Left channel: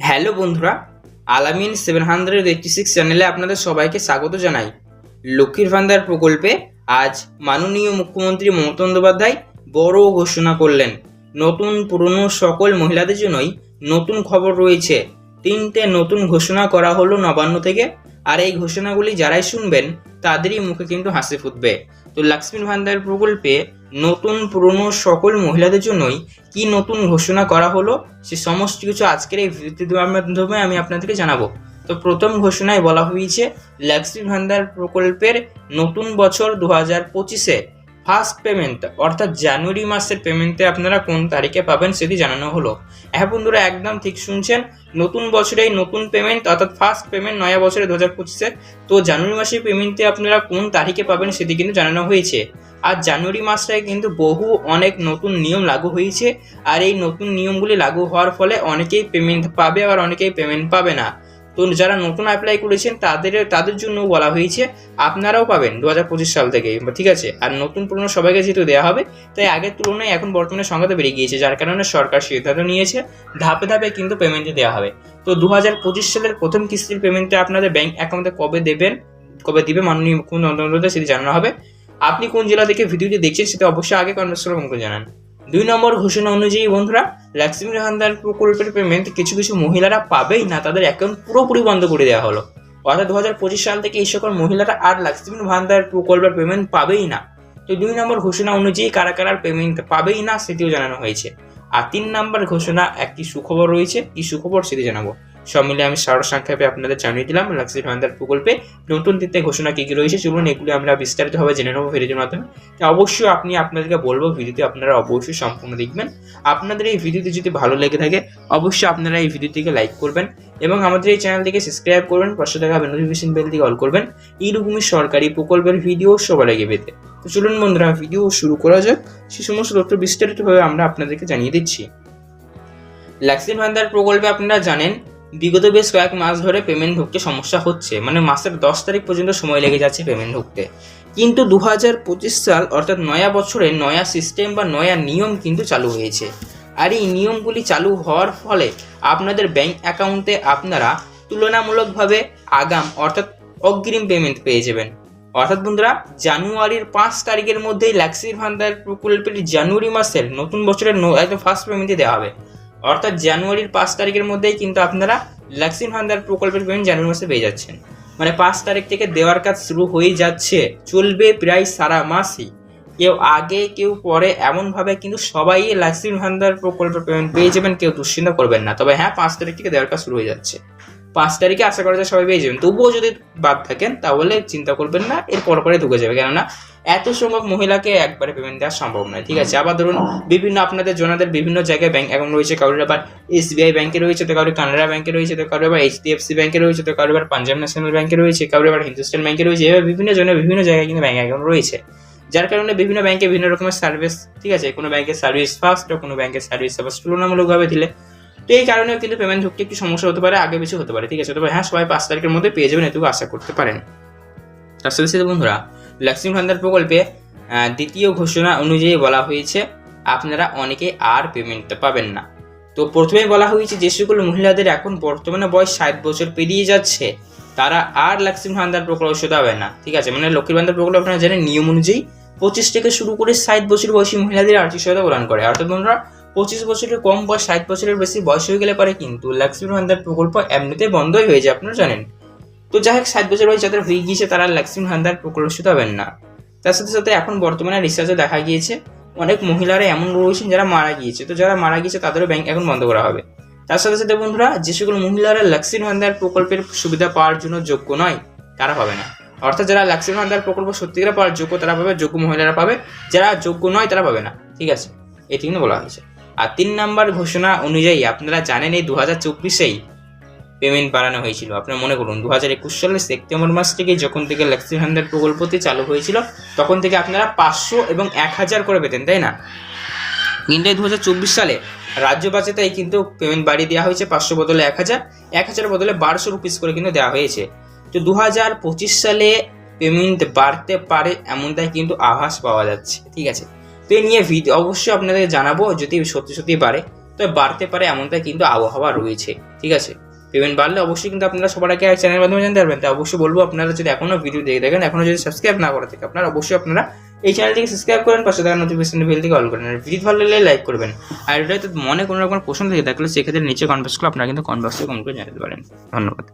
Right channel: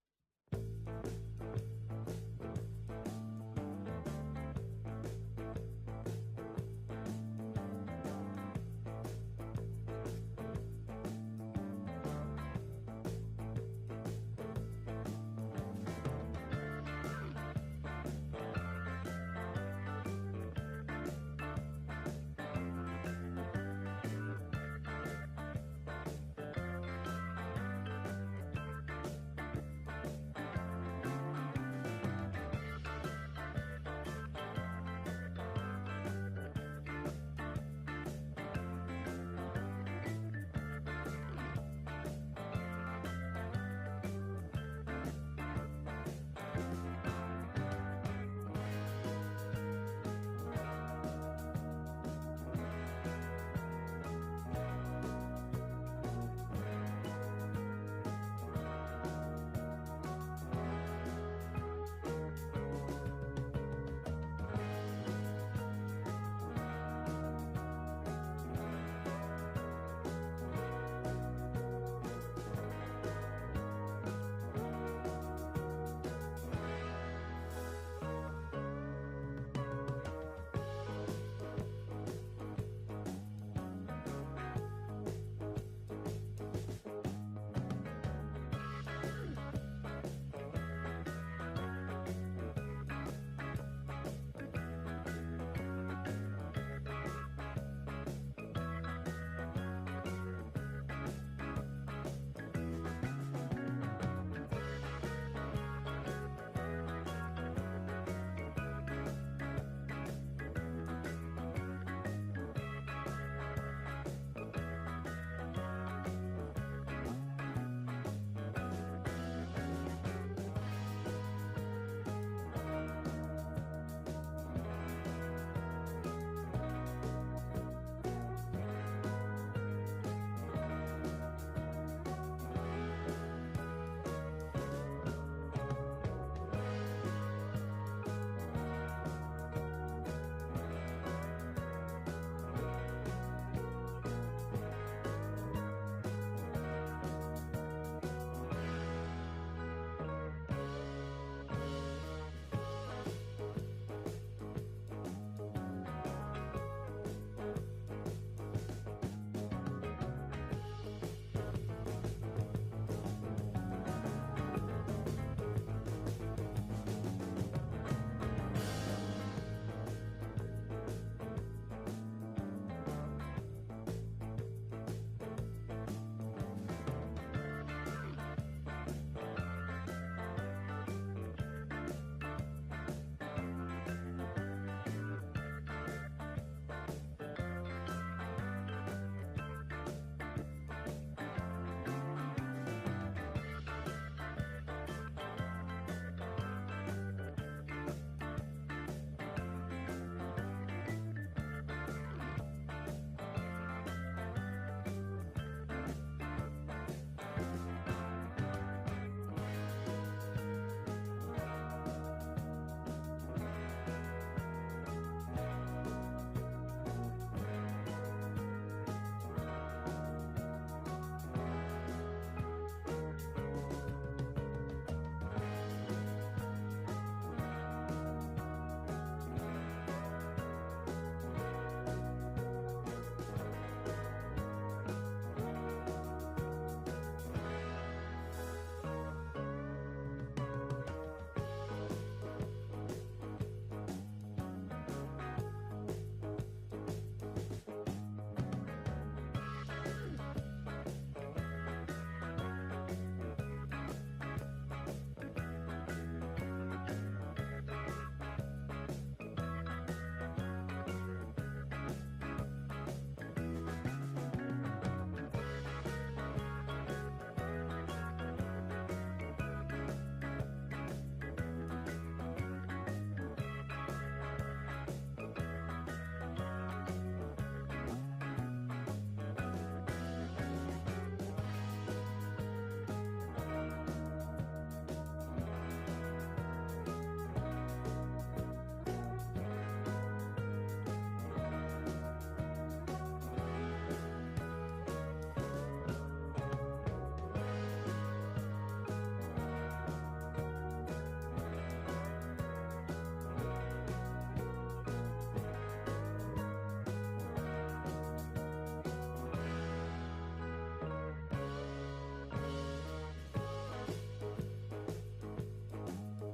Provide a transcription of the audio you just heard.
Hello বন্ধুরা, আলামিন seven hundred eighty six চ্যানেলে আপনাদের সবাইকে স্বাগত জানাই। লক্ষ্মীর ভান্ডার প্রকল্পে আজ মাননীয় মুখ্যমন্ত্রী মমতা বন্দ্যোপাধ্যায় বড় ঘোষণা করলেন। নতুন পুরনো সকল মহিলাদের জন্যই নতুন খবর রয়েছে। তিনটে নতুন ঘোষণা করা হলো নবান্ন থেকে, আর এই ঘোষণাগুলি যারাই শুনবেন তাদেরই মুখে কিন্তু হাসি ফুটবে। তো লক্ষ্মীর ভান্ডার প্রকল্পে নতুন পুরনো সকল মহিলাদের জন্যই কি নতুন ঘোষণা করা হলো, সে সমস্ত কিছু আজকের এই ভিডিওর মাধ্যমে আমি আপনাদেরকে জানাব। তো প্রথম ঘোষণায় বলা হয়েছে লক্ষ্মী ভান্ডার প্রকল্পের নতুন বছর দু হাজার পঁচিশে ফার্স্ট পেমেন্ট অর্থাৎ জানুয়ারি মাসের পেমেন্টে আপনারা কোন তারিখে পাবেন সেটি জানানো হলো। হ্যাঁ বন্ধুরা, একদম ঠিক শুনছেন, নতুন বছরে নতুন পেমেন্ট অর্থাৎ ফার্স্ট পেমেন্ট নয়া বছরে দু হাজার পঁচিশে, তো জানুয়ারি মাসের পেমেন্টে আপনারা কোন তারিখে পাবেন সেটি কিন্তু জানানো হয়েছে। আর জানুয়ারি মাসটায় কিন্তু বহু অনেক নতুন নিয়ম লাগু হয়েছে। আর এই নতুন নিয়মগুলি লাগু হওয়ার ফলে অনেকেই পেমেন্ট পাবে আবার অনেকেই পেমেন্ট পাবে না। তো যারা নতুন অ্যাপ্লাই করেছেন, তাদের তাদের জন্য বলা হয়েছে, আপনারাও পাবেন দু হাজার পঁচিশ সাল থেকে, ঠিক আছে? আর নতুন পুরনো সবাইকে যেহেতু দেওয়া হবে, তাই আগের তুলনায় এখন বর্তমানে সংখ্যাটা বেড়ে গিয়েছে, যার কারণে সরকার সিদ্ধান্ত নিয়েছে, ধাপে ধাপে কিন্তু পেমেন্টে দেওয়া হবে। তো দু হাজার পঁচিশ সালের প্রথম কিস্তির পেমেন্টটা আপনাদের ব্যাংক অ্যাকাউন্টে কবে দেবেন? কবে দিবে? মাননীয় মুখ্যমন্ত্রী সেটি জানানো হবে। আপনি কোন জেলা থেকে ভিডিওটি দেখছেন সেটা অবশ্যই আগে কমেন্টস করে জানান। দুই নম্বর ঘোষণা অনুযায়ী বন্ধুরা লক্ষ্মী ভান্ডার প্রকল্পের পেমেন্ট কিছু কিছু মহিলারা পাবেই না, তাদের অ্যাকাউন্ট পুরোপুরি বন্ধ করে দেওয়া হলো। অর্থাৎ দু হাজার পঁচিশ সাল থেকে এই সকল মহিলারা আর লক্ষ্মী ভান্ডার প্রকল্পের পেমেন্ট পাবেই না। তো দুই নম্বর ঘোষণা অনুযায়ী কারা কারা পেমেন্ট পাবেই না সেটিও জানানো হয়েছে। আর তিন নম্বর ঘোষণা, একটি সুখবর রয়েছে, কি সুখবর সেটি জানাব। সব মিলে আমি সার সংক্ষেপে আপনাদের জানিয়ে দিলাম। লক্ষ্মী ভান্ডার প্রকল্পে নতুন তিনটে ঘোষণা কী কী রয়েছে চলুন এগুলি আমরা বিস্তারিতভাবে জেনে নেব ভিডিওর মাধ্যমে। অবশ্যই আপনি আপনাদেরকে বলব ভিডিওটি আপনারা অবশ্যই সম্পূর্ণ দেখবেন। আপনাদের এই ভিডিওটি যদি ভালো লেগে থাকে, অবশ্যই আপনারা এই ভিডিওটিকে লাইক করবেন এবং আমাদের এই চ্যানেলটিকে সাবস্ক্রাইব করবেন, পাশে থাকা নোটিফিকেশন বেলটিকে অল করবেন। এইরকমই সরকারি প্রকল্পের ভিডিও সবার আগে পেতে। তো চলুন বন্ধুরা ভিডিও শুরু করা যাক। সে সমস্ত তথ্য বিস্তারিতভাবে আমরা আপনাদেরকে জানিয়ে দিচ্ছি। লক্ষ্মী ভান্ডার প্রকল্পে আপনারা জানেন বিগত বেশ কয়েক মাস ধরে পেমেন্ট ঢুকতে সমস্যা হচ্ছে। মানে মাসের দশ তারিখ পর্যন্ত সময় লেগে যাচ্ছে পেমেন্ট ঢুকতে। কিন্তু দু হাজার পঁচিশ সাল, অর্থাৎ নয়া বছরে নয়া সিস্টেম বা নয়া নিয়ম কিন্তু চালু হয়েছে। আর এই নিয়মগুলি চালু হওয়ার ফলে আপনাদের ব্যাংক অ্যাকাউন্টে আপনারা তুলনামূলকভাবে আগাম, অর্থাৎ অগ্রিম পেমেন্ট পেয়ে যাবেন। অর্থাৎ বন্ধুরা, জানুয়ারির পাঁচ তারিখের মধ্যেই লক্ষ্মীর ভান্ডার প্রকল্পের জানুয়ারি মাসের নতুন বছরের একদম ফার্স্ট পেমেন্টই দেওয়া হবে। অর্থাৎ জানুয়ারির পাঁচ তারিখের মধ্যেই কিন্তু আপনারা লক্ষ্মী ভান্ডার প্রকল্পের পেমেন্ট জানুয়ারি মাসে পেয়ে যাচ্ছেন। মানে পাঁচ তারিখ থেকে দেওয়ার কাজ শুরু হয়ে যাচ্ছে, চলবে প্রায় সারা মাসই। কেউ আগে, কেউ পরে এমনভাবে কিন্তু সবাই লক্ষ্মী ভান্ডার প্রকল্পের পেমেন্ট পেয়ে যাবেন, কেউ দুশ্চিন্তা করবেন না। তবে হ্যাঁ পাঁচ তারিখ থেকে দেওয়ার কাজ শুরু হয়ে যাচ্ছে। পাঁচ তারিখে আশা করা যায় সবাই পেয়ে যাবেন। তবুও যদি বাদ থাকেন, তাহলে চিন্তা করবেন না এর পর ঢুকে যাবে। কেননা এত সংখ্যক মহিলাকে একবারে পেমেন্ট দেওয়া সম্ভব নয়। ঠিক আছে? আবার ধরুন, বিভিন্ন আপনাদের, জনাদের বিভিন্ন জায়গায় ব্যাংক অ্যাকাউন্ট রয়েছে। কারোর আবার এসবিআই ব্যাংকে রয়েছে, তো কারোর কানাডা ব্যাংকে রয়েছে, তো কারোর আবার এইচডিএফসি ব্যাংকে রয়েছে, তো কারোর আবার পাঞ্জাব ন্যাশনাল ব্যাংকে রয়েছে, কারোর আবার হিন্দুস্তান ব্যাংকে রয়েছে। এভাবে বিভিন্ন জনের বিভিন্ন জায়গায় কিন্তু ব্যাংক অ্যাকাউন্ট রয়েছে। যার কারণে বিভিন্ন ব্যাংকে বিভিন্ন রকমের সার্ভিস ঠিক আছে? কোনো ব্যাংকের সার্ভিস ফার্স্ট কোনো ব্যাংকের সার্ভিস আবার তুলনামূলকভাবে দিলে। তো এই কারণেও কিন্তু পেমেন্ট ঢুকতে একটু সমস্যা হতে পারে, আগে বেশি হতে পারে, ঠিক আছে? তবে হ্যাঁ সবাই পাঁচ তারিখের মধ্যে পেয়ে যাবেন, এটুকু আশা করতে পারেন। তার সাথে সাথে বন্ধুরা লক্ষ্মী ভান্ডার প্রকল্পে দ্বিতীয় ঘোষণা অনুযায়ী বলা হয়েছে, আপনারা অনেকে আর পেমেন্ট পাবেন না। তো প্রথমে বলা হয়েছে, যে সকল মহিলাদের এখন বর্তমানে বয়স ষাট বছর পেরিয়ে যাচ্ছে, তারা আর লক্ষ্মী ভান্ডার প্রকল্প হবে না। ঠিক আছে? মানে লক্ষ্মী ভান্ডার প্রকল্প আপনারা জানেন, নিয়ম অনুযায়ী পঁচিশ থেকে শুরু করে ষাট বছর বয়সী মহিলাদের আর্থিক সহায়তা প্রদান করে। অর্থাৎ বন্ধুরা পঁচিশ বছরের কম বা ষাট বছরের বেশি বয়স হয়ে গেলে পারে কিন্তু লক্ষ্মী ভান্ডার প্রকল্প এমনিতে বন্ধই হয়ে যায়, আপনারা জানেন। তো যাই হোক, ষাট বছর বয়স যাদের হয়ে গিয়েছে তারা লক্ষ্মী ভান্ডার শুধু হবেন না। তার সাথে সাথে এখন বর্তমানে রিসার্চে দেখা গিয়েছে, অনেক মহিলারা এমন রয়েছেন যারা মারা গিয়েছে। তো যারা মারা গিয়েছে, তাদেরও ব্যাংক এখন বন্ধ করা হবে। তার সাথে সাথে বন্ধুরা, যে সকল মহিলারা লক্ষ্মী ভান্ডার প্রকল্পের সুবিধা পাওয়ার জন্য যোগ্য নয়, তারা পাবে না। অর্থাৎ যারা লক্ষ্মী ভান্ডার প্রকল্প সত্যিকার পাওয়ার যোগ্য, তারা পাবে, যোগ্য মহিলারা পাবে। যারা যোগ্য নয়, তারা পাবে না। ঠিক আছে এটি কিন্তু বলা হয়েছে। আর তিন নাম্বার ঘোষণা অনুযায়ী আপনারা জানেন এই দু হাজার চব্বিশেই পেমেন্ট বাড়ানো হয়েছিল। আপনারা মনে করুন দু হাজার একুশ সালের সেপ্টেম্বর মাস থেকে যখন থেকে লক্ষ্মী ভান্ডার প্রকল্পটি চালু হয়েছিল, তখন থেকে আপনারা পাঁচশো এবং এক হাজার করে পেতেন, তাই না? কিন্তু দু হাজার চব্বিশ সালে রাজ্য বাজেটাই কিন্তু পেমেন্ট বাড়িয়ে দেওয়া হয়েছে পাঁচশো বদলে এক হাজার এক হাজার বদলে বারোশো রুপিস করে কিন্তু দেওয়া হয়েছে। তো দু হাজার পঁচিশ সালে পেমেন্ট বাড়তে পারে এমনটাই কিন্তু আভাস পাওয়া যাচ্ছে, ঠিক আছে? তো এই নিয়ে ভিডিও অবশ্যই আপনাদের জানাব যদি সত্যি সত্যি পারে। তবে বাড়তে পারে এমনটাই কিন্তু আবহাওয়া রয়েছে, ঠিক আছে? পেমেন্ট বাড়লে অবশ্যই কিন্তু আপনারা সবার আগে চ্যানেলের মাধ্যমে জানতে পারবেন। তাই অবশ্যই বলব, আপনারা যদি এখনও ভিডিও দেখে দেখেন এখনও যদি সাবস্ক্রাইব না করে থাকে আপনারা অবশ্যই আপনারা এই চ্যানেলটিকে সাবস্ক্রাইব করেন, পাশে থাকা নোটিফিকেশন বেল থেকে অল করেন আর ভিডিও ভালো লাগলে লাইক করবেন। আর এটা মনে কোনো রকম প্রশ্ন থেকে থাকলে সেক্ষেত্রে নিচে কনভার্স করে আপনারা কিন্তু কনভার্সে কমেন্ট করে জানাতে পারেন। ধন্যবাদ।